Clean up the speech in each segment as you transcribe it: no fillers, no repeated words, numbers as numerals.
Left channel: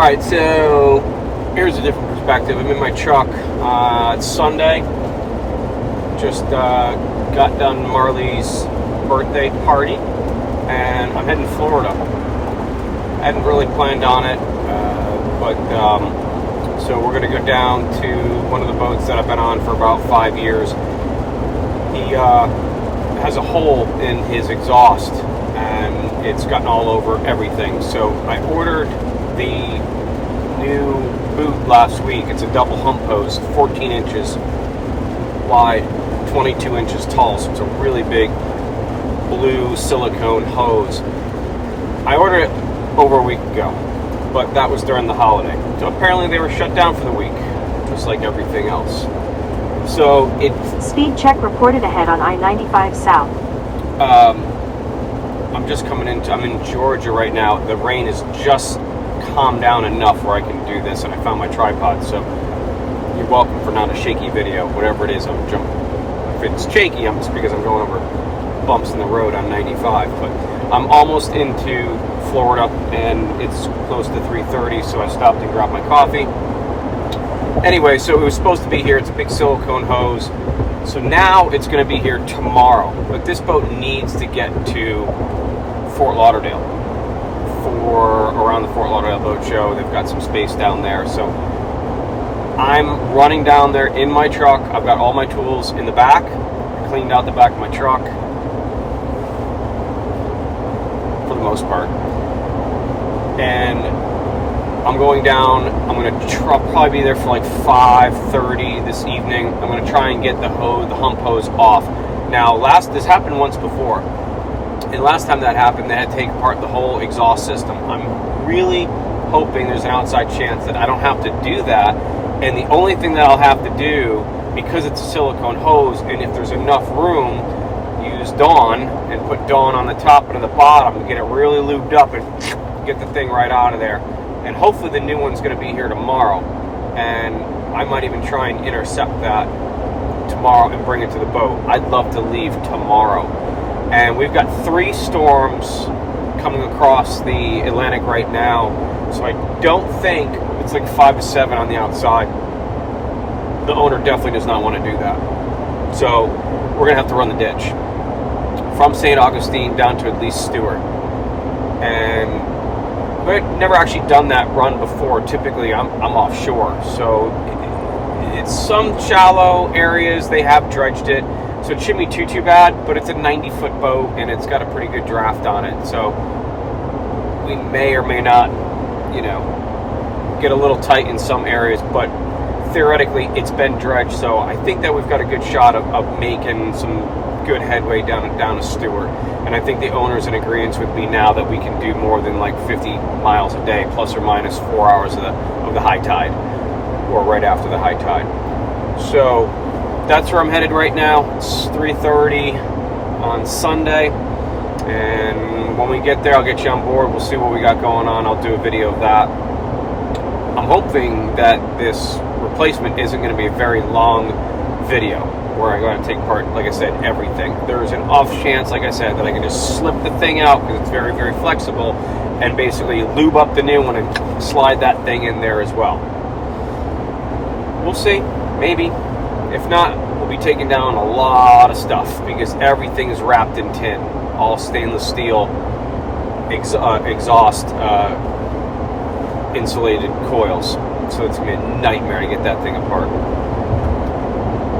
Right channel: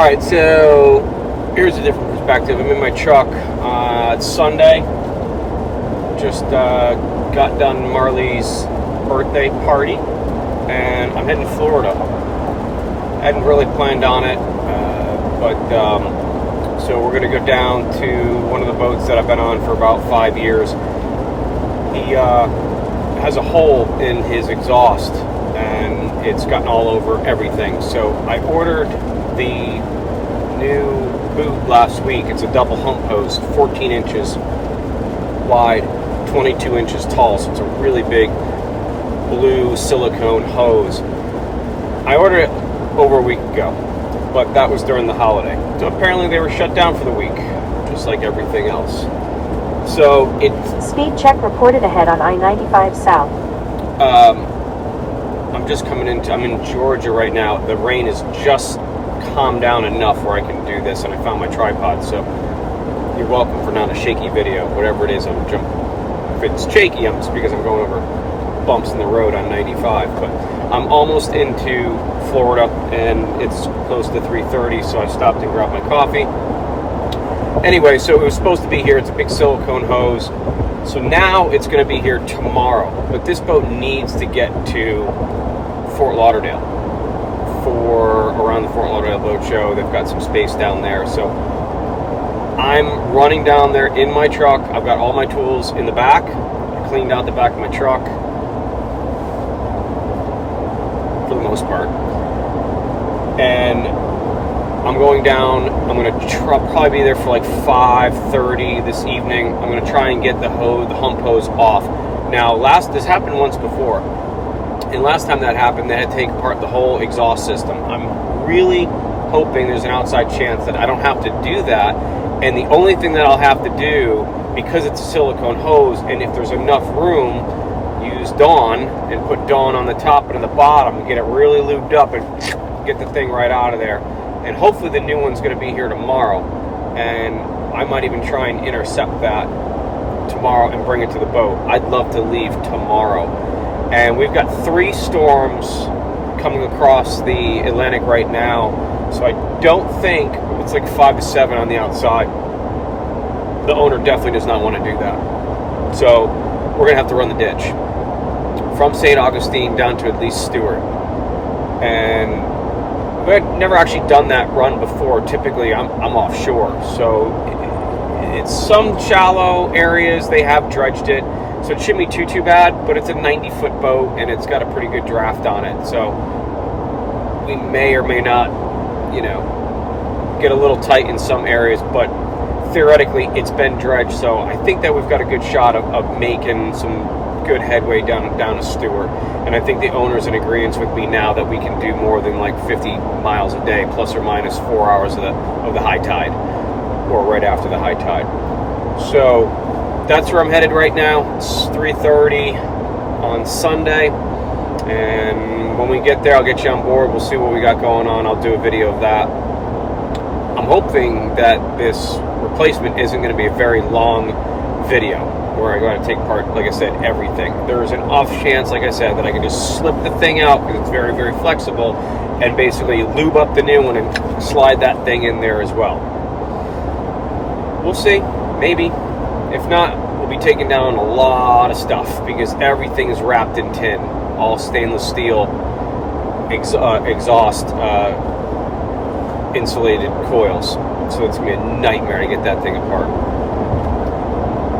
Alright, so here's a different perspective. I'm in my truck. It's Sunday. Just got done Marley's birthday party, and I'm heading to Florida. I hadn't really planned on it, so we're going to go down to one of the boats that I've been on for about 5 years. He has a hole in his exhaust, and it's gotten all over everything. So I ordered the new boot last week. It's a double hump hose, 14 inches wide, 22 inches tall, so it's a really big blue silicone hose. I ordered it over a week ago, but that was during the holiday. So apparently they were shut down for the week, just like everything else. So Speed check reported ahead on I-95 South. I'm in Georgia right now. The rain has just calmed down enough where I can do this, and I found my tripod, so you're welcome for not a shaky video. Whatever it is, if it's shaky, it's because I'm going over bumps in the road on 95. But I'm almost into Florida, and it's close to 3:30, so I stopped and grabbed my coffee. Anyway, so it was supposed to be here. It's a big silicone hose. So now it's going to be here tomorrow. But this boat needs to get to Fort Lauderdale for around the Fort Lauderdale Boat Show. They've got some space down there. So I'm running down there in my truck. I've got all my tools in the back. I cleaned out the back of my truck for the most part. And I'm going down. I'm going to probably be there for like 5:30 this evening. I'm going to try and get the hump hose off. Now, this happened once before, and last time that happened, they had to take apart the whole exhaust system. I'm really hoping there's an outside chance that I don't have to do that, and the only thing that I'll have to do, because it's a silicone hose, and if there's enough room, use Dawn and put Dawn on the top and on the bottom and get it really lubed up and get the thing right out of there. And hopefully the new one's going to be here tomorrow, and I might even try and intercept that tomorrow and bring it to the boat. I'd love to leave tomorrow. And we've got 3 storms coming across the Atlantic right now, so I don't think it's like 5 to 7 on the outside. The owner definitely does not want to do that. So we're going to have to run the ditch from Saint Augustine down to at least Stewart. And I've never actually done that run before. Typically, I'm offshore, so it's some shallow areas. They have dredged it, so it shouldn't be too bad. But it's a 90-foot boat, and it's got a pretty good draft on it. So we may or may not, get a little tight in some areas. But theoretically, it's been dredged, so I think that we've got a good shot of making some good headway down to Stewart. And I think the owner's in agreement with me now that we can do more than like 50 miles a day, plus or minus 4 hours of the high tide, or right after the high tide. So that's where I'm headed right now. It's 3:30 on Sunday, and when we get there, I'll get you on board. We'll see what we got going on. I'll do a video of that. I'm hoping that this replacement isn't going to be a very long video where I got to take part, like I said, everything. There's an off chance, like I said, that I can just slip the thing out because it's very, very flexible, and basically lube up the new one and slide that thing in there as well. We'll see, maybe. If not, we'll be taking down a lot of stuff because everything is wrapped in tin, all stainless steel exhaust insulated coils. So it's going to be a nightmare to get that thing apart.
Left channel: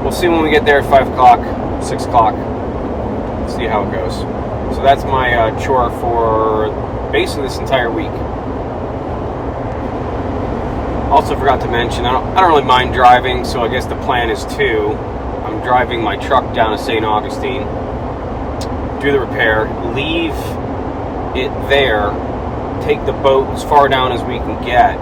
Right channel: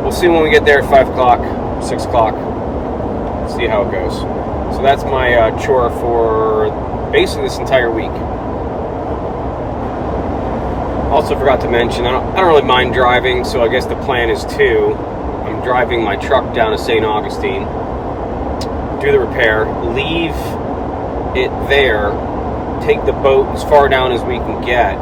We'll see when we get there at 5 o'clock, 6 o'clock, see how it goes. So that's my chore for basically this entire week. Also forgot to mention, I don't really mind driving, so I guess the plan is I'm driving my truck down to Saint Augustine, do the repair, leave it there, take the boat as far down as we can get,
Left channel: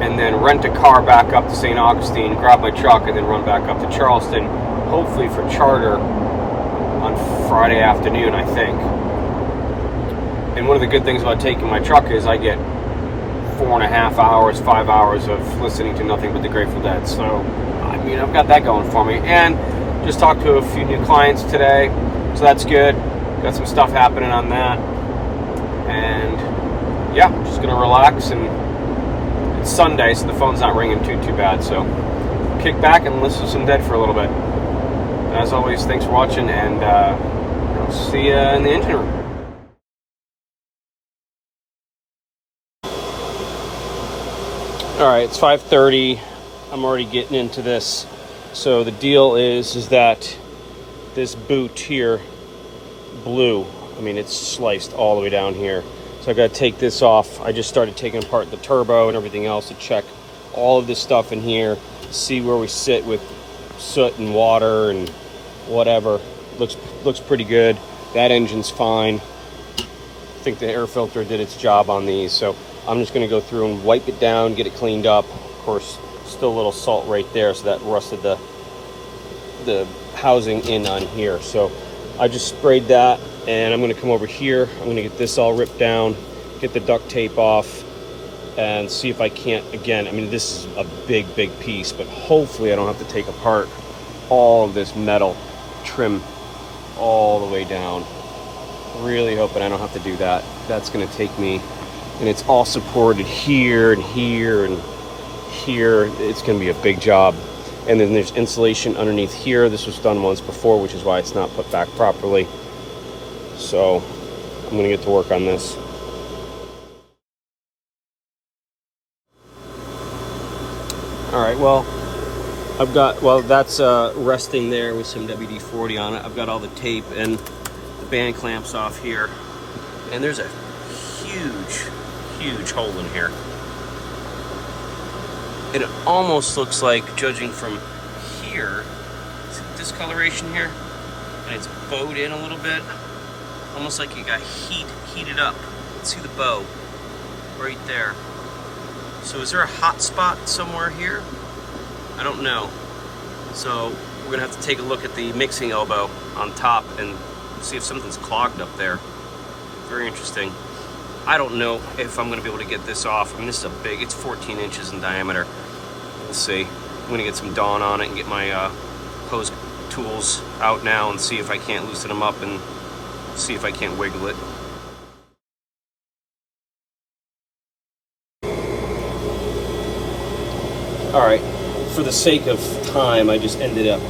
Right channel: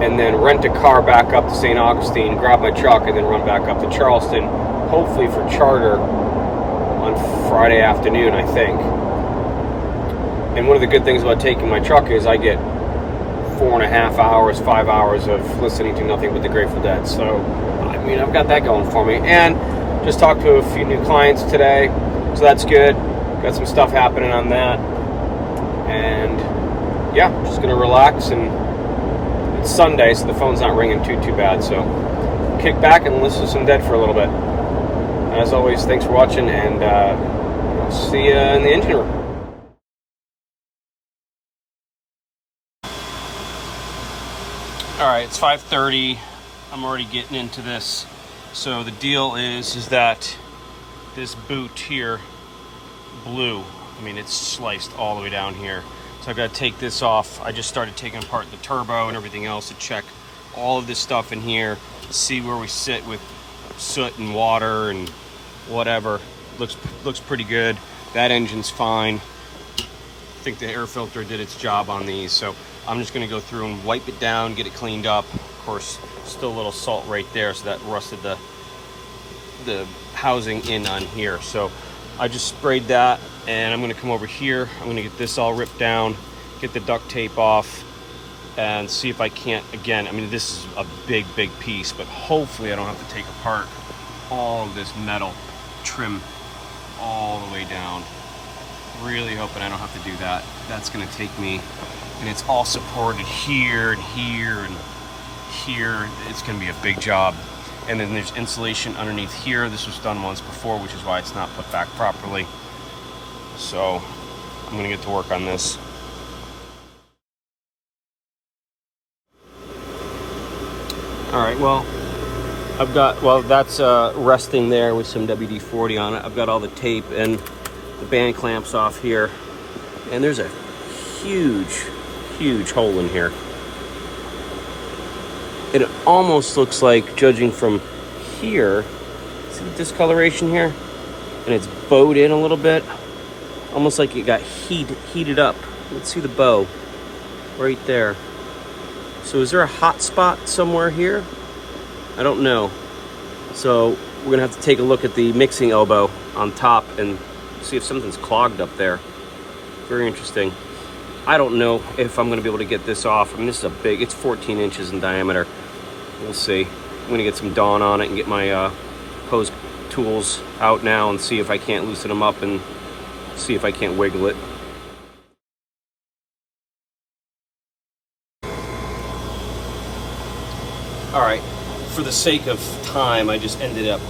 and then rent a car back up to St. Augustine, grab my truck, and then run back up to Charleston, hopefully for charter on Friday afternoon, I think. And one of the good things about taking my truck is I get 4.5 hours, 5 hours of listening to nothing but the Grateful Dead. So, I've got that going for me. And just talked to a few new clients today, so that's good. Got some stuff happening on that. And yeah, I'm just gonna relax, and it's Sunday, so the phone's not ringing too bad. So kick back and listen to some Dead for a little bit. And as always, thanks for watching, and I'll see you in the engine room. All right, it's 5:30. I'm already getting into this. So the deal is that this boot here blew. I mean, it's sliced all the way down here. So I got to take this off. I just started taking apart the turbo and everything else to check all of this stuff in here, see where we sit with soot and water and whatever. Looks pretty good. That engine's fine. I think the air filter did its job on these. So I'm just going to go through and wipe it down, get it cleaned up. Of course, still a little salt right there, so that rusted the housing in on here. So I just sprayed that, and I'm going to come over here. I'm going to get this all ripped down, get the duct tape off, and see if I can't, again, I mean, this is a big piece, but hopefully I don't have to take apart all of this metal trim all the way down. Really hoping I don't have to do that. That's going to take me, and it's all supported here and here and here. It's going to be a big job. And then there's insulation underneath here. This was done once before, which is why it's not put back properly. So I'm going to get to work on this. All right, well, that's resting there with some WD-40 on it. I've got all the tape and the band clamps off here. And there's a huge hole in here. It almost looks like, judging from here, see the discoloration here? And it's bowed in a little bit. Almost like it got heated up. Let's see the bow right there. So is there a hot spot somewhere here? I don't know. So we're gonna have to take a look at the mixing elbow on top and see if something's clogged up there. Very interesting. I don't know if I'm gonna be able to get this off. I mean, this is a big, it's 14 inches in diameter. We'll see. I'm gonna get some Dawn on it and get my hose tools out now and see if I can't loosen them up and see if I can't wiggle it. All right, for the sake of time, I just ended up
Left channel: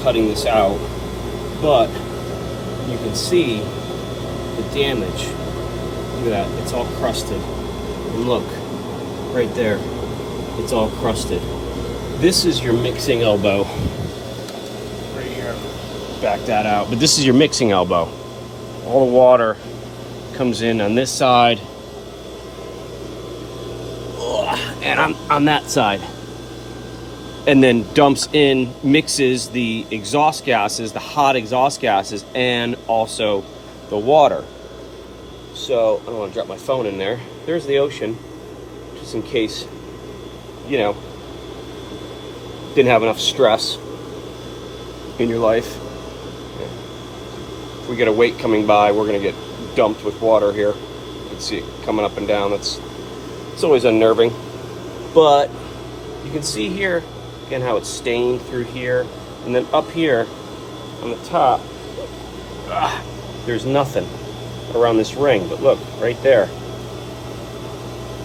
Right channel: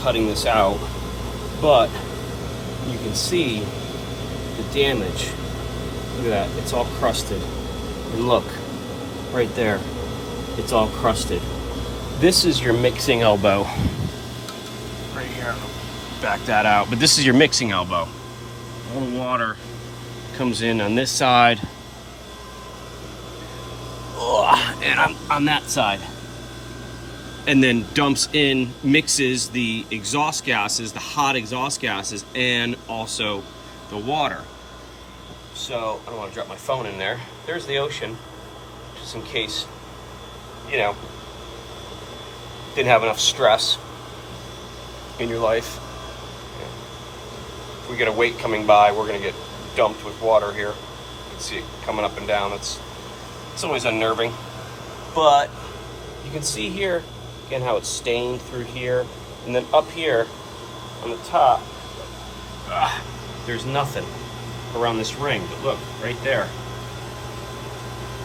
cutting this out, but you can see the damage. Look at that, it's all crusted. And look, right there, it's all crusted. This is your mixing elbow. Right here, back that out, but this is your mixing elbow. All the water comes in on this side, and on that side, and then dumps in, mixes the exhaust gases, the hot exhaust gases, and also the water. So I don't want to drop my phone in there. There's the ocean, just in case, you know, didn't have enough stress in your life. If we get a wake coming by, we're gonna get dumped with water here. You can see it coming up and down. It's always unnerving. But you can see here, again, how it's stained through here. And then up here on the top, there's nothing around this ring. But look, right there.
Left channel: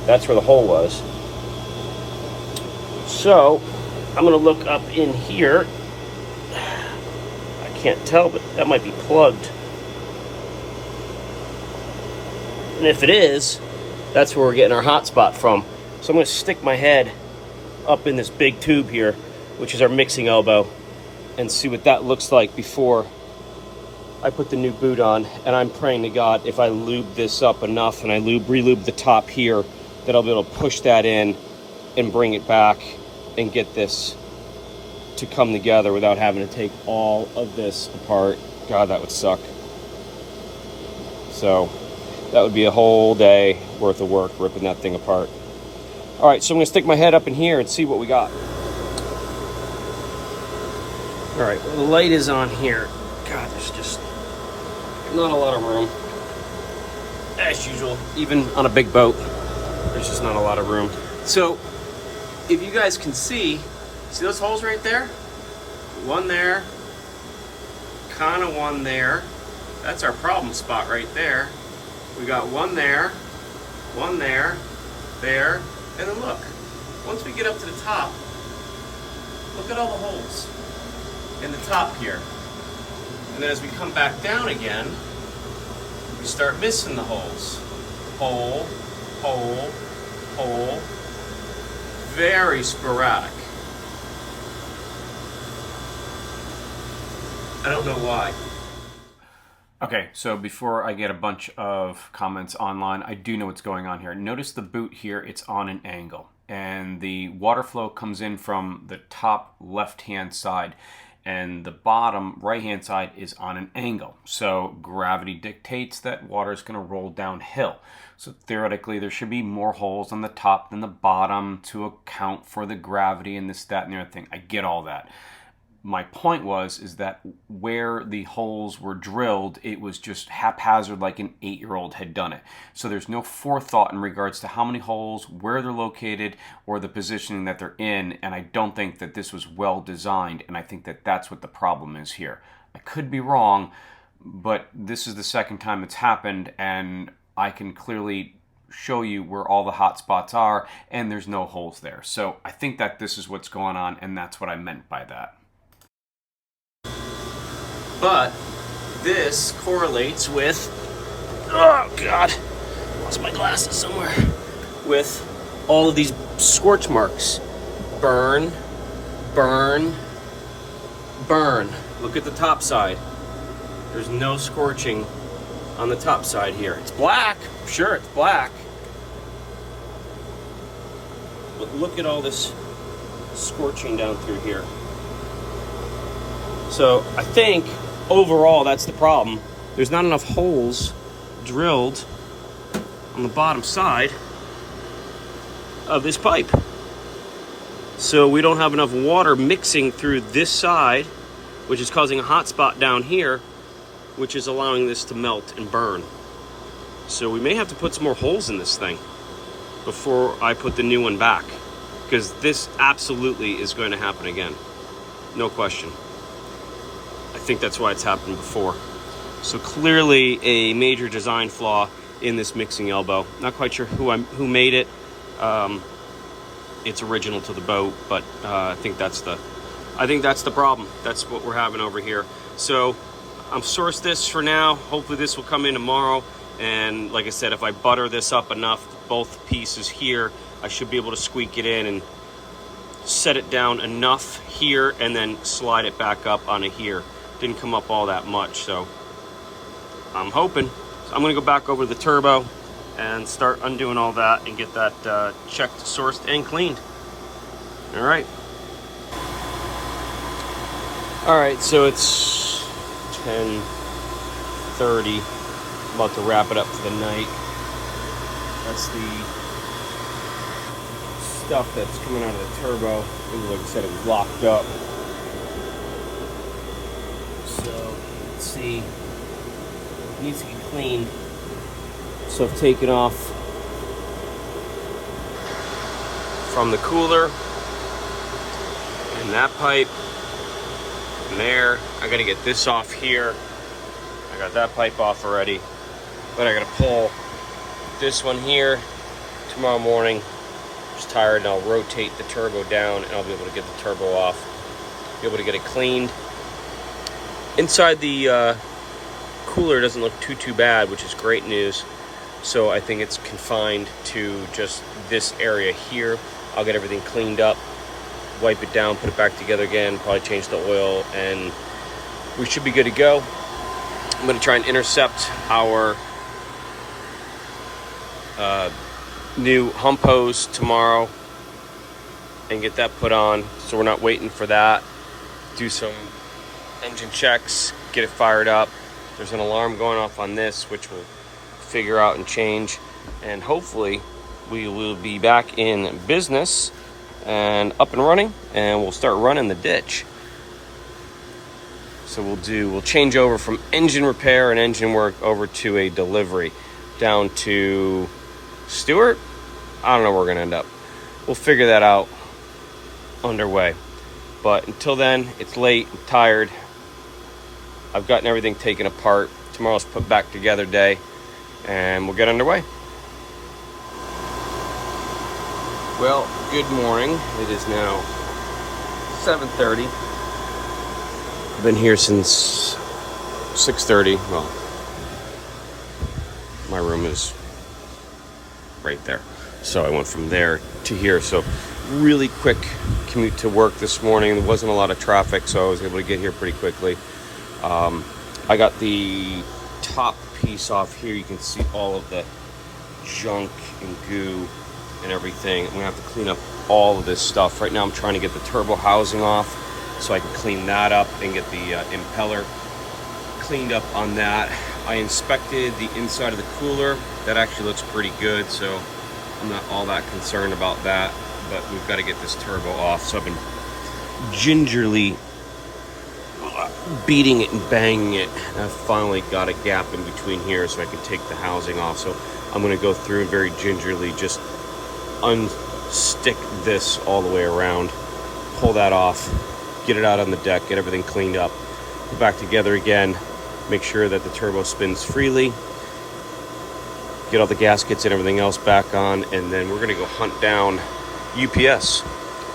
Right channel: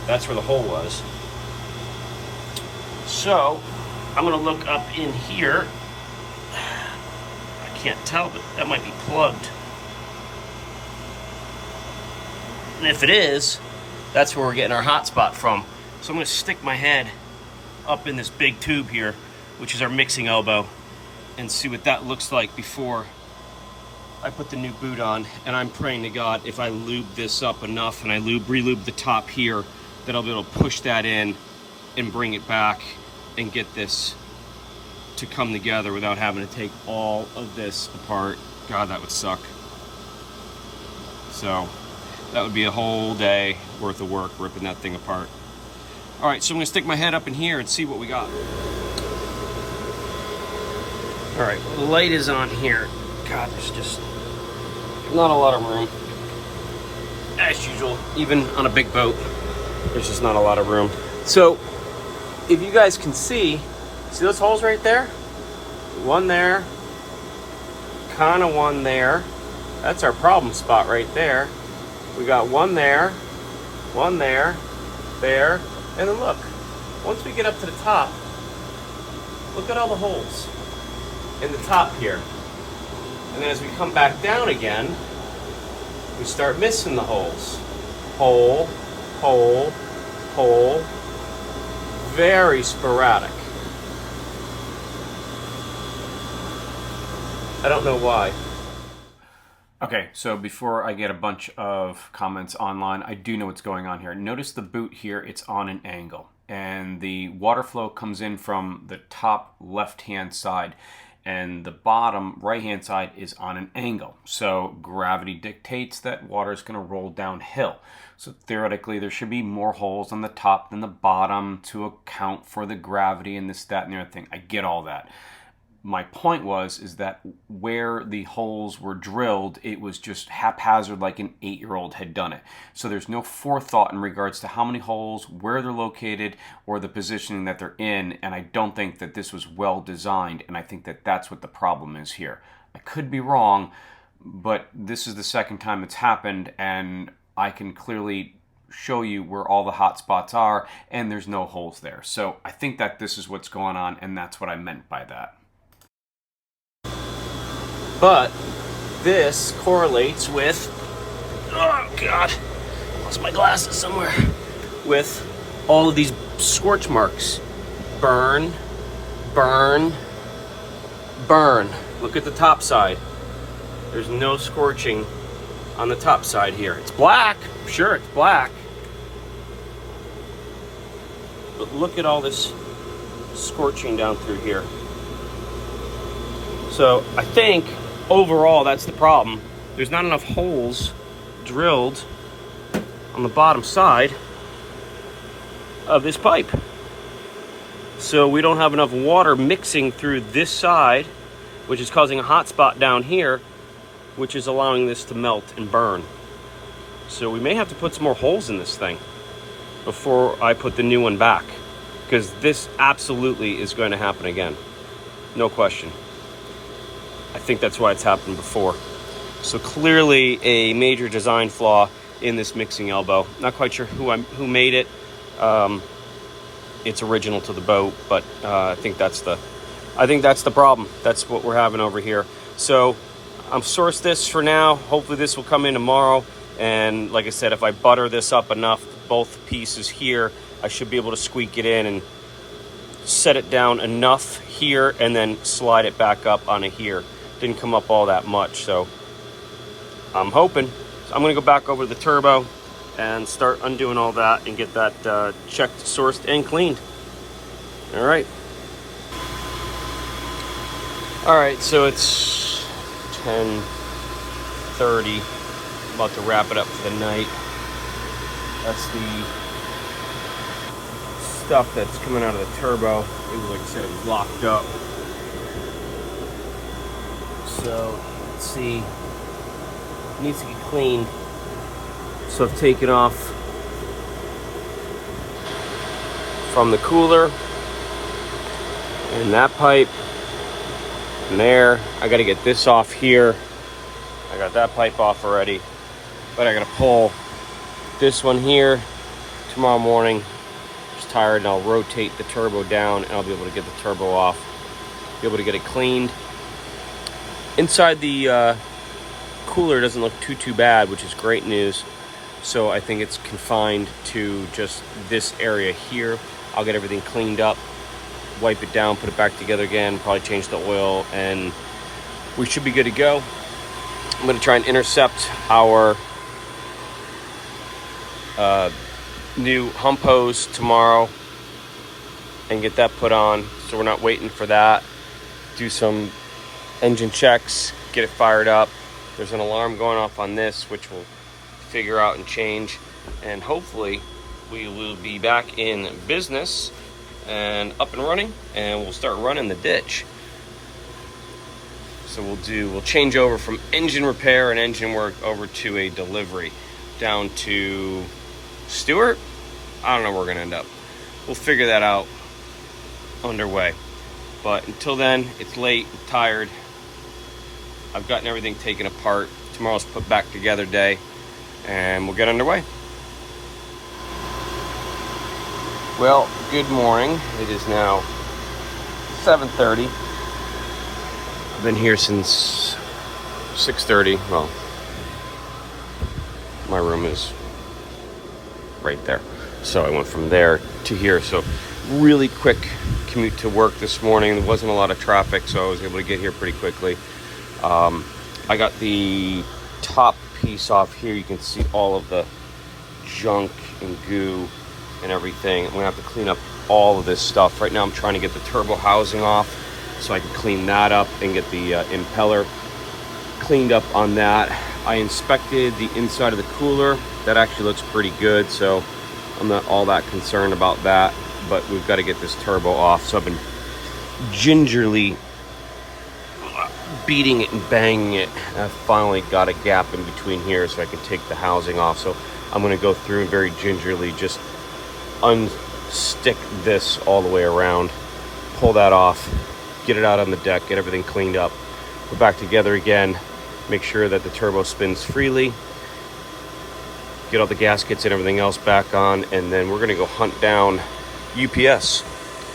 That's where the hole was. So I'm gonna look up in here. I can't tell, but that might be plugged. And if it is, that's where we're getting our hot spot from. So I'm gonna stick my head up in this big tube here, which is our mixing elbow, and see what that looks like before I put the new boot on. And I'm praying to God, if I lube this up enough and I re-lube the top here, that I'll be able to push that in and bring it back and get this to come together without having to take all of this apart. God, that would suck. So that would be a whole day worth of work ripping that thing apart. All right, so I'm gonna stick my head up in here and see what we got. All right, well, the light is on here. God, there's just not a lot of room. As usual, even on a big boat, there's just not a lot of room. So if you guys can see those holes right there? One there, kind of one there. That's our problem spot right there. We got one there, One there, and then look, once we get up to the top, look at all the holes in the top here. And as we come back down again, we start missing the holes. Hole, hole, hole. Very sporadic. I don't know why. Okay, so before I get a bunch of comments online, I do know what's going on here. Notice the boot here, it's on an angle. And the water flow comes in from the top left-hand side. And the bottom right-hand side is on an angle. So gravity dictates that water is going to roll downhill. So theoretically, there should be more holes on the top than the bottom to account for the gravity and this, that, and the other thing. I get all that. My point is that where the holes were drilled, it was just haphazard, like an 8-year-old had done it. So there's no forethought in regards to how many holes, where they're located, or the positioning that they're in. And I don't think that this was well designed. And I think that that's what the problem is here. I could be wrong, but this is the second time it's happened, and I can clearly show you where all the hot spots are, and there's no holes there. So I think that this is what's going on, and that's what I meant by that. But this correlates with, oh God, lost my glasses somewhere, with all of these scorch marks. Burn, burn, burn. Look at the top side. There's no scorching on the top side here. It's black, sure it's black. But look at all this scorching down through here. So I think overall, that's the problem. There's not enough holes drilled on the bottom side of this pipe. So we don't have enough water mixing through this side, which is causing a hot spot down here, which is allowing this to melt and burn. So we may have to put some more holes in this thing before I put the new one back, because this absolutely is going to happen again. No question. I think that's why it's happened before. So clearly a major design flaw in this mixing elbow. Not quite sure who made it. It's original to the boat, but I think that's the problem. That's what we're having over here. So I'm sourced this for now. Hopefully this will come in tomorrow. And like I said, if I butter this up enough, both pieces here, I should be able to squeak it in and set it down enough here and then slide it back up onto here. Didn't come up all that much, so I'm hoping. So I'm gonna go back over the turbo and start undoing all that and get that checked, sourced, and cleaned. All right. All right, so it's 10:30. I'm about to wrap it up for the night. That's the stuff that's coming out of the turbo. Like I said, it was locked up. So let's see, it needs to get cleaned. So I've taken off from the cooler and that pipe and there. I got to get this off here. I got that pipe off already, but I got to pull this one here tomorrow morning. Just tired, and I'll rotate the turbo down and I'll be able to get the turbo off, be able to get it cleaned. Inside the cooler doesn't look too bad, which is great news. So I think it's confined to just this area here. I'll get everything cleaned up, wipe it down, put it back together again, probably change the oil, and we should be good to go. I'm going to try and intercept our new hump hose tomorrow and get that put on, so we're not waiting for that. Do some engine checks, get it fired up. There's an alarm going off on this, which we'll figure out and change, and hopefully we will be back in business and up and running, and we'll start running the ditch. So we'll change over from engine repair and engine work over to a delivery down to Stewart. I don't know where we're gonna end up. We'll figure that out underway. But until then, it's late, I'm tired. I've gotten everything taken apart. Tomorrow's put back together day, and we'll get underway. Well, good morning. It is now 7:30. I've been here since 6:30. Well, my room is right there. So I went from there to here. So really quick commute to work this morning. There wasn't a lot of traffic, so I was able to get here pretty quickly. I got the top piece off here. You can see all of the junk and goo and everything. I'm gonna have to clean up all of this stuff. Right now I'm trying to get the turbo housing off so I can clean that up and get the impeller cleaned up on that. I inspected the inside of the cooler. That actually looks pretty good, so I'm not all that concerned about that, but we've got to get this turbo off. So I've been gingerly beating it and banging it. I finally got a gap in between here so I can take the housing off. So I'm going to go through and very gingerly just unstick this all the way around, pull that off, get it out on the deck, get everything cleaned up, put back together again, make sure that the turbo spins freely, get all the gaskets and everything else back on, and then we're going to go hunt down UPS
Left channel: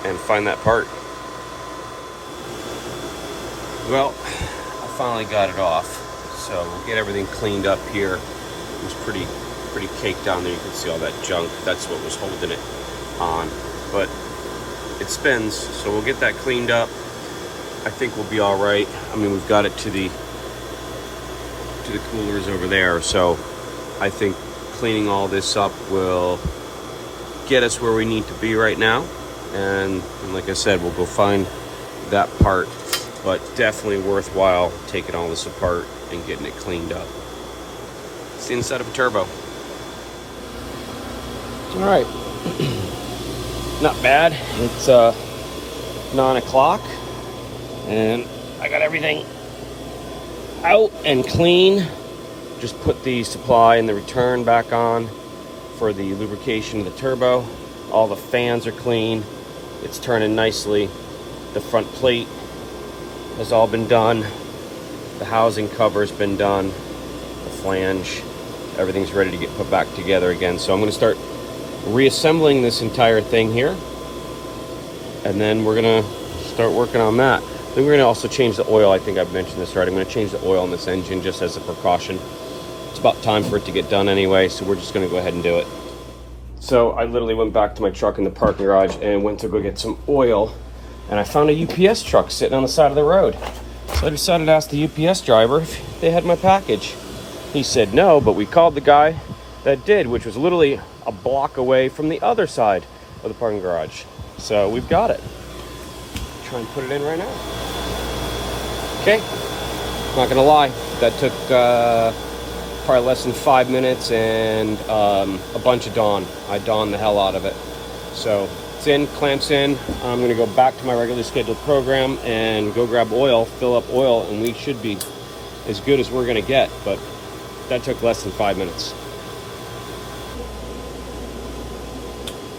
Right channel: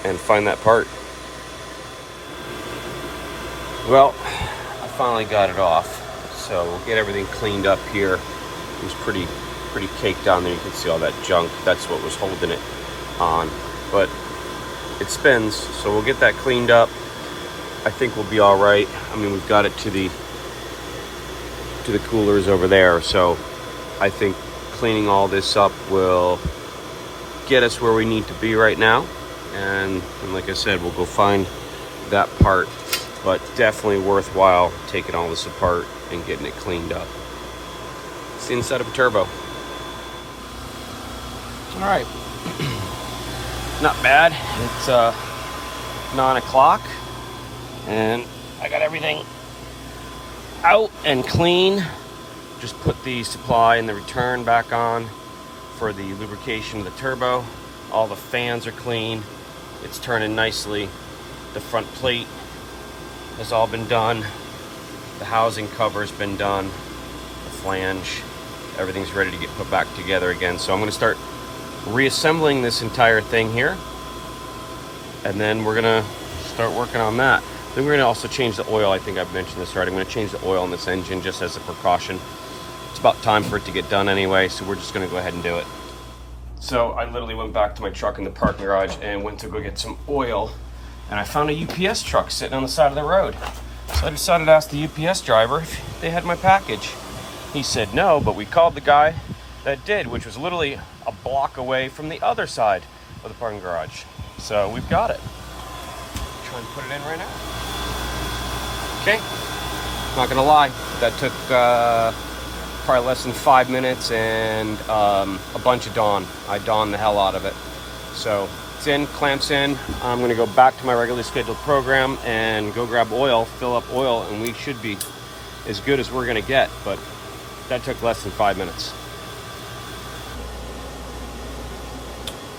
and find that part. Well, I finally got it off, so we'll get everything cleaned up here. It was pretty caked down there. You can see all that junk. That's what was holding it on, but it spins, so we'll get that cleaned up. I think we'll be all right. I mean, we've got it to the coolers over there, so I think cleaning all this up will get us where we need to be right now. And like I said, we'll go find that part, but definitely worthwhile taking all this apart and getting it cleaned up. It's the inside of a turbo. All right. Not bad. It's 9 o'clock and I got everything out and clean. Just put the supply and the return back on for the lubrication of the turbo. All the fans are clean. It's turning nicely. The front plate has all been done. The housing cover's been done. The flange, everything's ready to get put back together again. So I'm going to start reassembling this entire thing here, and then we're gonna start working on that. Then we're gonna also change the oil. I think I've mentioned this already. I'm gonna change the oil in this engine just as a precaution. It's about time for it to get done anyway, so we're just gonna go ahead and do it. So I literally went back to my truck in the parking garage and went to go get some oil, and I found a UPS truck sitting on the side of the road. So I decided to ask the UPS driver if they had my package. He said no, but we called the guy that did, which was literally a block away from the other side of the parking garage. So we've got it. Try and put it in right now. Okay, not gonna lie, that took probably less than 5 minutes and a bunch of dawn. I dawned the hell out of it. So it's in, clamps in. I'm gonna go back to my regularly scheduled program and go grab oil, fill up oil, and we should be as good as we're gonna get, but that took less than 5 minutes.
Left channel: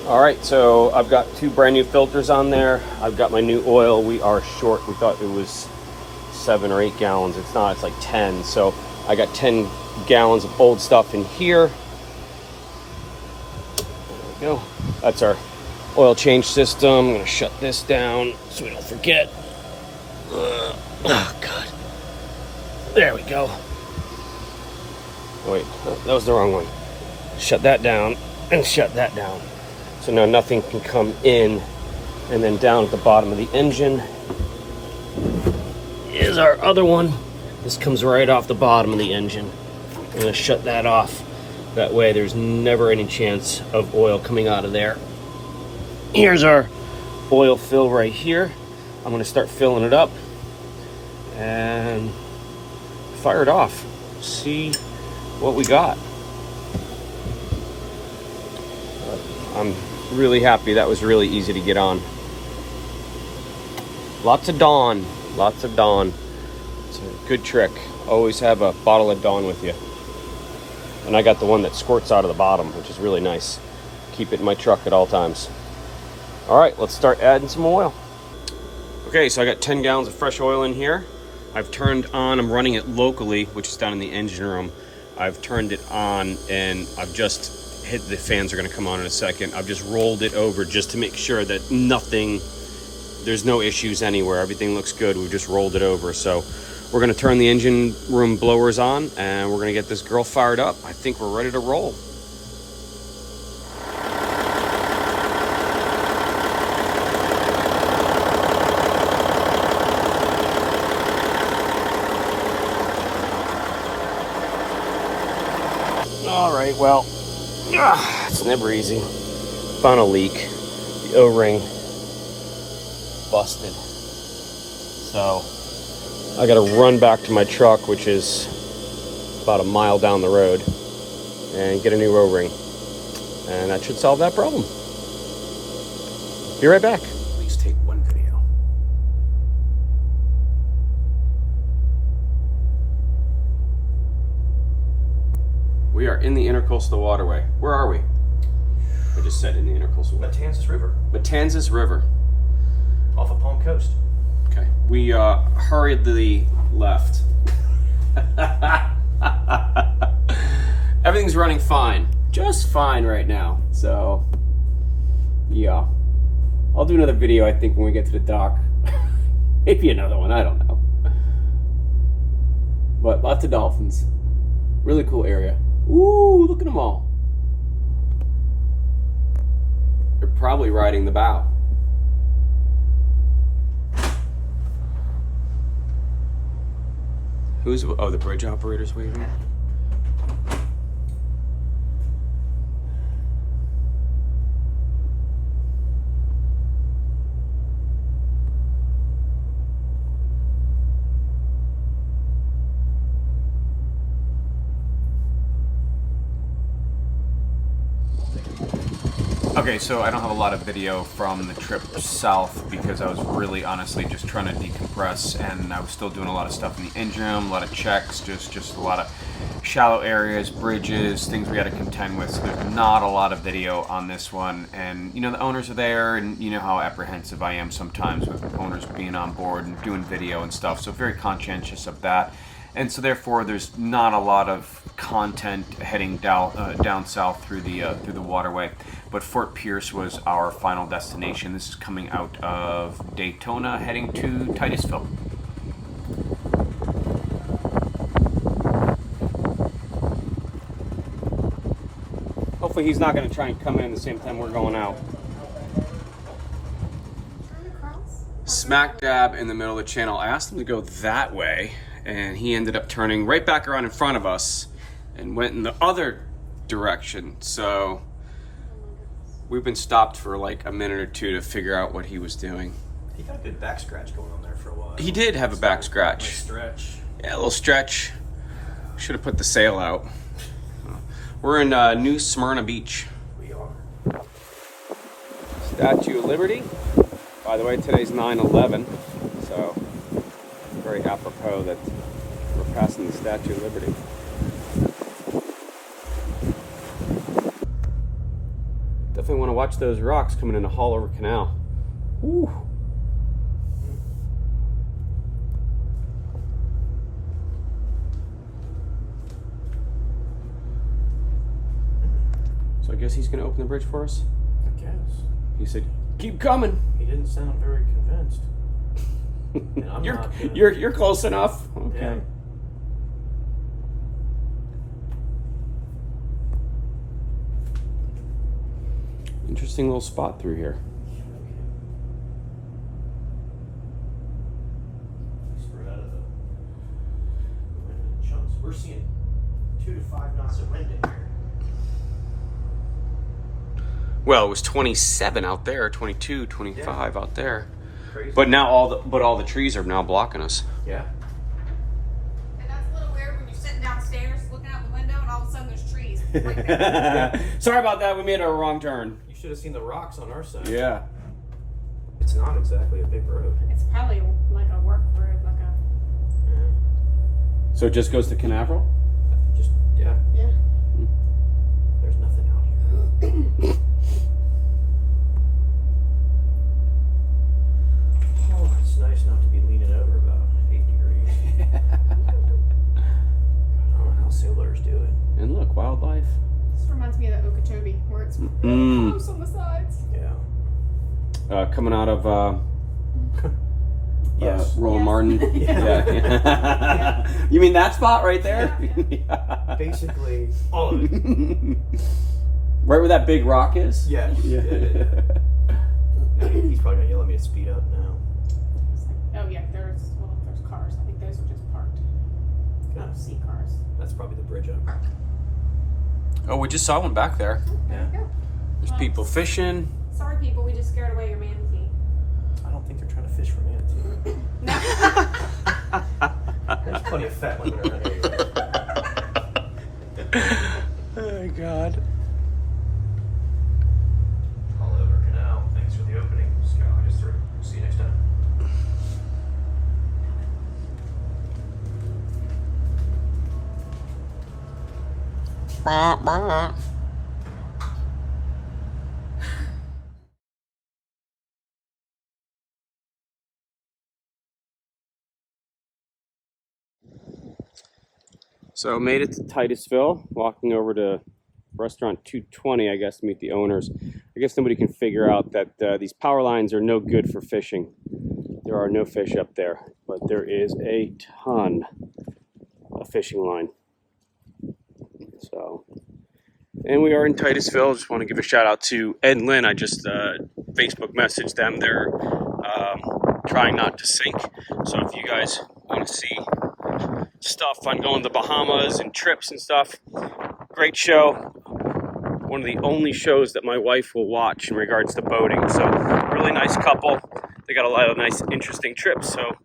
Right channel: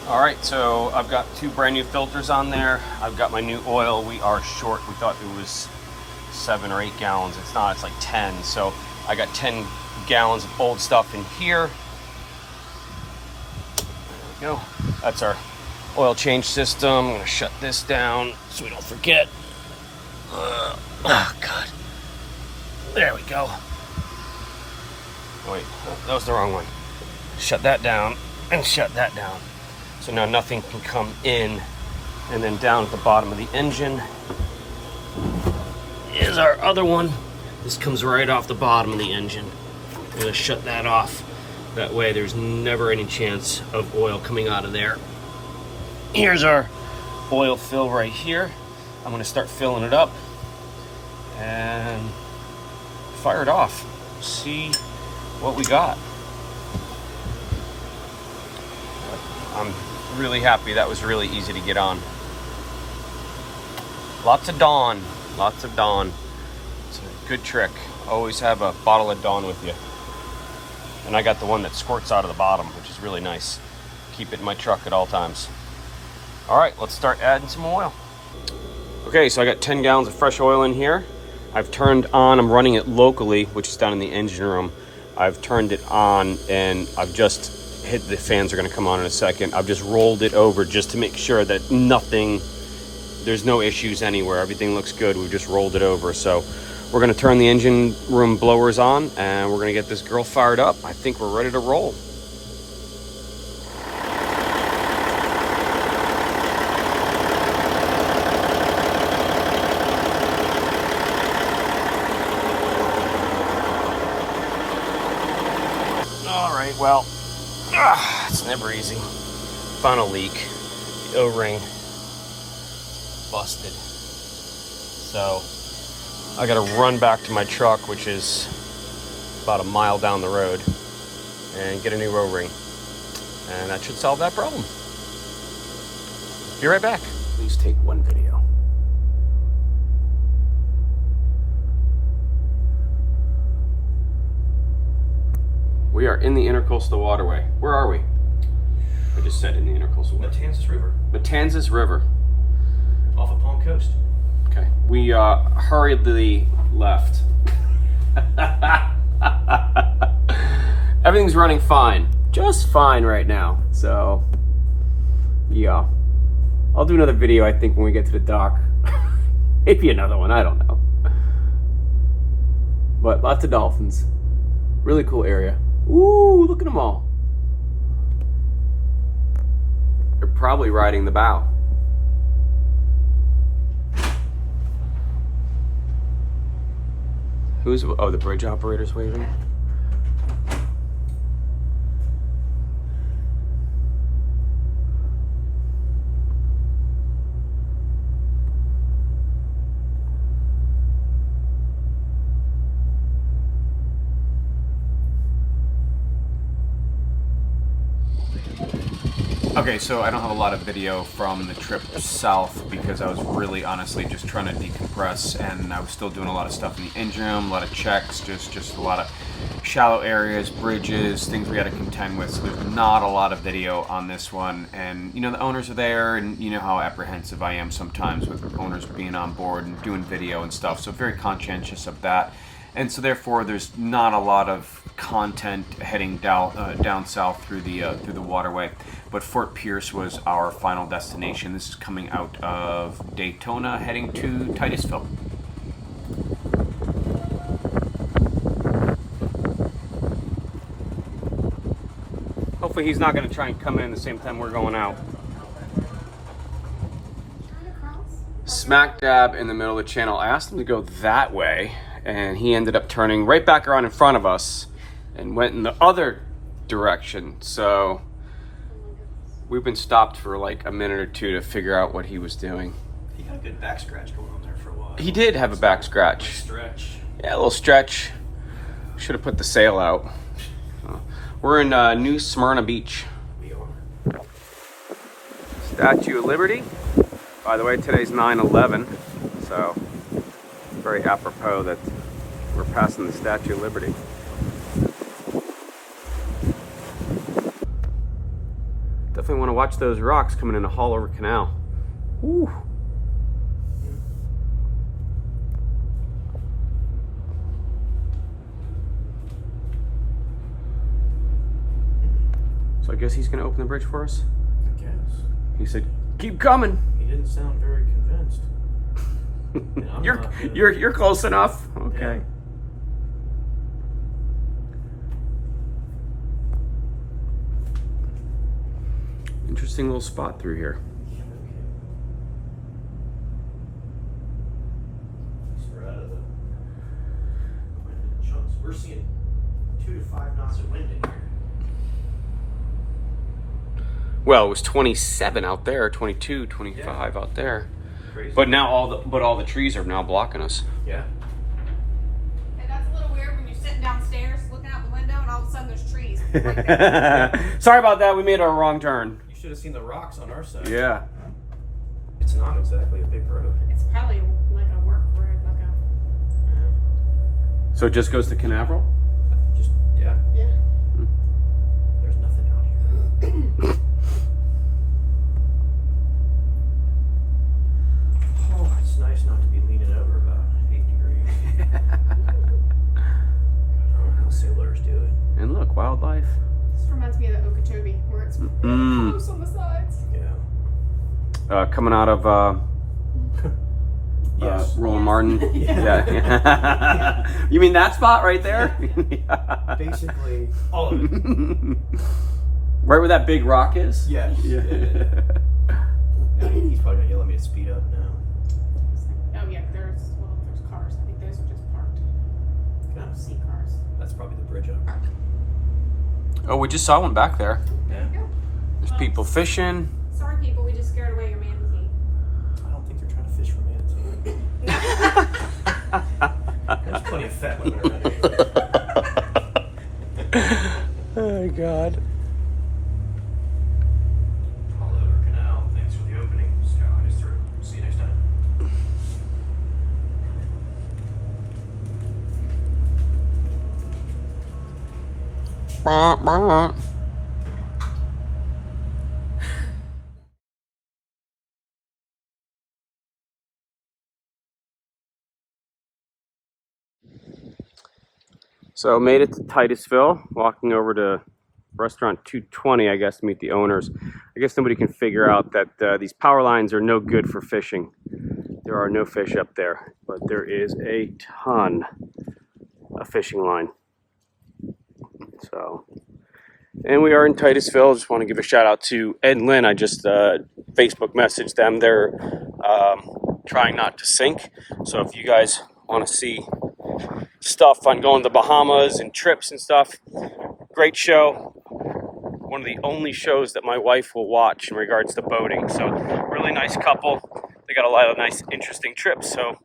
All right, so I've got 2 brand new filters on there. I've got my new oil. We are short. We thought it was 7 or 8 gallons. It's not, it's like 10. So I got 10 gallons of old stuff in here. There we go. That's our oil change system. I'm gonna shut this down so we don't forget. Oh God. There we go. Wait, that was the wrong one. Shut that down and shut that down. So now nothing can come in. And then down at the bottom of the engine is our other one. This comes right off the bottom of the engine. I'm gonna shut that off. That way there's never any chance of oil coming out of there. Here's our oil fill right here. I'm gonna start filling it up and fire it off. See what we got. I'm really happy. That was really easy to get on. Lots of Dawn. Lots of Dawn. It's a good trick. Always have a bottle of Dawn with you. And I got the one that squirts out of the bottom, which is really nice. Keep it in my truck at all times. All right, let's start adding some oil. Okay, so I got 10 gallons of fresh oil in here. I've turned on, I'm running it locally, which is down in the engine room. I've turned it on and I've just the fans are going to come on in a second. I've just rolled it over just to make sure that there's no issues anywhere. Everything looks good. We've just rolled it over. So we're going to turn the engine room blowers on and we're going to get this girl fired up. I think we're ready to roll. Well, it's never easy. Found a leak. The O-ring busted. So I gotta run back to my truck, which is about a mile down the road, and get a new O-ring. And that should solve that problem. Be right back. Please take one video. We are in the Intercoastal Waterway. Where are we? I just said in the Intercoastal Waterway. Matanzas River. Matanzas River. Off of Palm Coast. Okay. We hurriedly left. Everything's running fine. Just fine right now. So, yeah. I'll do another video, I think, when we get to the dock. Maybe another one. I don't know. But lots of dolphins. Really cool area. Ooh, look at them all. They're probably riding the bow. Oh, the bridge operator's waving. Okay, so I don't have a lot of video from the trip south because I was really honestly just trying to decompress, and I was still doing a lot of stuff in the engine room, a lot of checks, just a lot of shallow areas, bridges, things we had to contend with. So there's not a lot of video on this one, and you know the owners are there, and you know how apprehensive I am sometimes with owners being on board and doing video and stuff. So very conscientious of that. And so therefore there's not a lot of content heading down south through the waterway. But Fort Pierce was our final destination. This is coming out of Daytona heading to Titiusville. Hopefully he's not going to try and come in the same time we're going out. Smack dab in the middle of the channel. I asked him to go that way, and he ended up turning right back around in front of us and went in the other direction. So we've been stopped for like a minute or two to figure out what he was doing. He had a good back scratch going on there for a while. He did have a back scratch. Stretch. Yeah, a little stretch. Should have put the sail out. We're in New Smyrna Beach. We are. Statue of Liberty. By the way, today's 9/11, so very apropos that we're passing the Statue of Liberty. Definitely want to watch those rocks coming in a Haulover Canal. Woo. So I guess he's going to open the bridge for us? I guess. He said, "Keep coming." He didn't sound very convinced. You're close enough. Okay. Yeah. Interesting little spot through here. We're out of the chunks. We're seeing 2 to 5 knots of wind in here. Well, it was 27 out there, 22, 25 out there. Crazy. But now all the trees are now blocking us. Yeah. And that's a little weird when you're sitting downstairs looking out the window and all of a sudden there's trees right there. Sorry about that. We made a wrong turn. You should have seen the rocks on our side. Yeah. It's not exactly a big road. It's probably like a work road, like a... So it just goes to Canaveral? Just, yeah. Yeah. There's nothing out here. Oh, it's nice not to be leaning over about 8 degrees. I don't know how sailors do it. And look, wildlife. This reminds me of the Okeechobee coming out of Yes. Roland Martin. Yeah. You mean that spot right there? Basically, all of it. Right where that big rock is? Yeah. Now he's probably gonna yell at me to speed up now. Oh yeah, there's cars. I think those are just parked. I don't see cars. That's probably the bridge up. Oh, we just saw one back there. Yeah. There's people fishing. Sorry, people, we just scared away your manatee. I don't think they're trying to fish for manatee. There's plenty of fat women in that area. Oh God. All over canal. Thanks for the opening. Skyline is through. See you next time. So made it to Titiusville, walking over to restaurant 220, I guess, to meet the owners. I guess somebody can figure out that these power lines are no good for fishing. There are no fish up there, but there is a ton of fishing line. So, and we are in Titiusville. Just want to give a shout out to Ed and Lynn. I just Facebook messaged them. They're trying not to sink. So if you guys want to see stuff on going to the Bahamas and trips and stuff, great show. One of the only shows that my wife will watch in regards to boating. So really nice couple. They got a lot of nice, interesting trips. So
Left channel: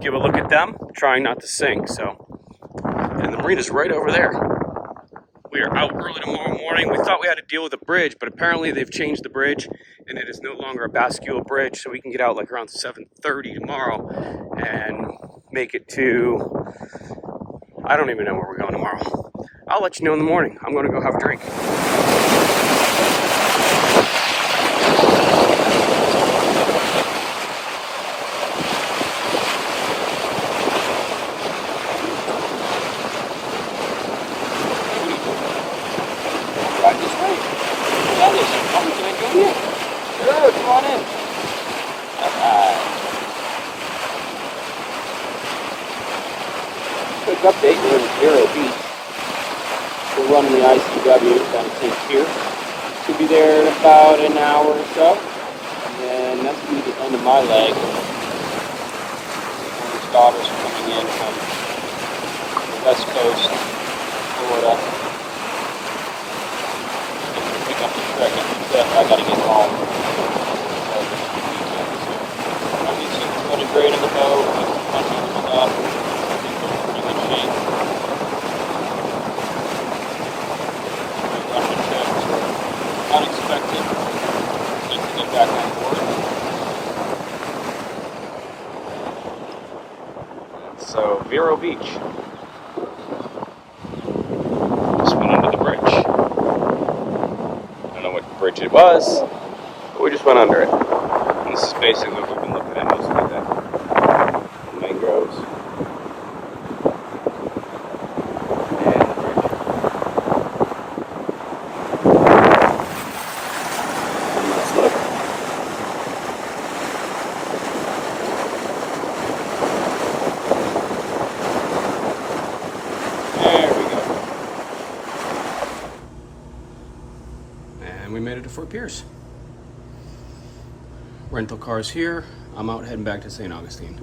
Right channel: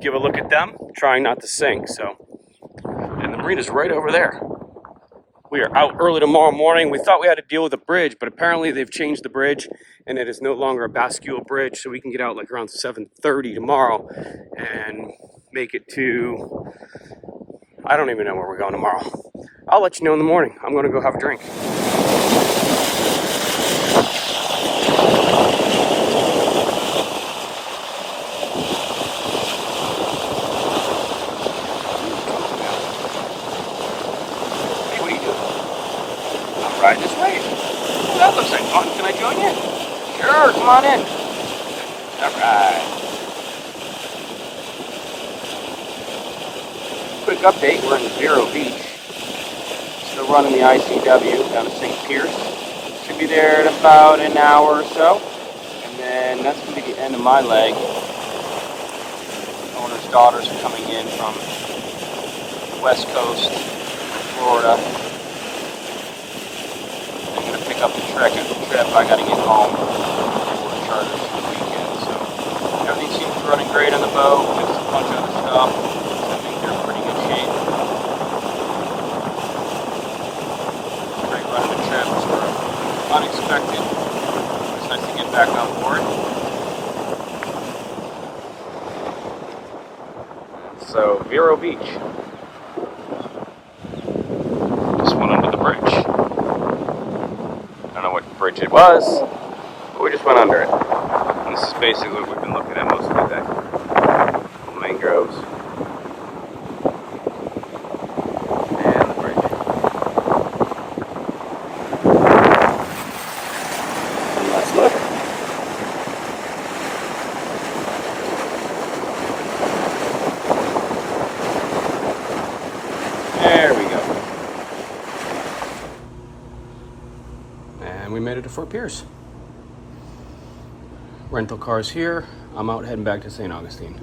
give a look at them. Trying not to sink. So, and the marina's right over there. We are out early tomorrow morning. We thought we had to deal with a bridge, but apparently they've changed the bridge and it is no longer a bascule bridge. So we can get out like around 7:30 tomorrow and make it to, I don't even know where we're going tomorrow. I'll let you know in the morning. I'm going to go have a drink. Right this way. Oh, that looks like fun. Can I join you? Sure, come on in. All right. Quick update, we're in Vero Beach. We're running the ICW down to St. Pierce. Should be there in about an hour or so. And then that's going to be the end of my leg. Owner's daughters are coming in from the West Coast, Florida. I'm going to pick up the trip. I got to get home. Everything seems to be running great on the boat. Tons of stuff. Unexpected. Like to get back on board. So, Vero Beach. Just went under the bridge. I don't know what bridge it was, but we just went under it. And this is basically what we've been looking at most of the day. The mangroves. And we made it to Fort Pierce. Rental cars here. I'm out heading back to Saint Augustine.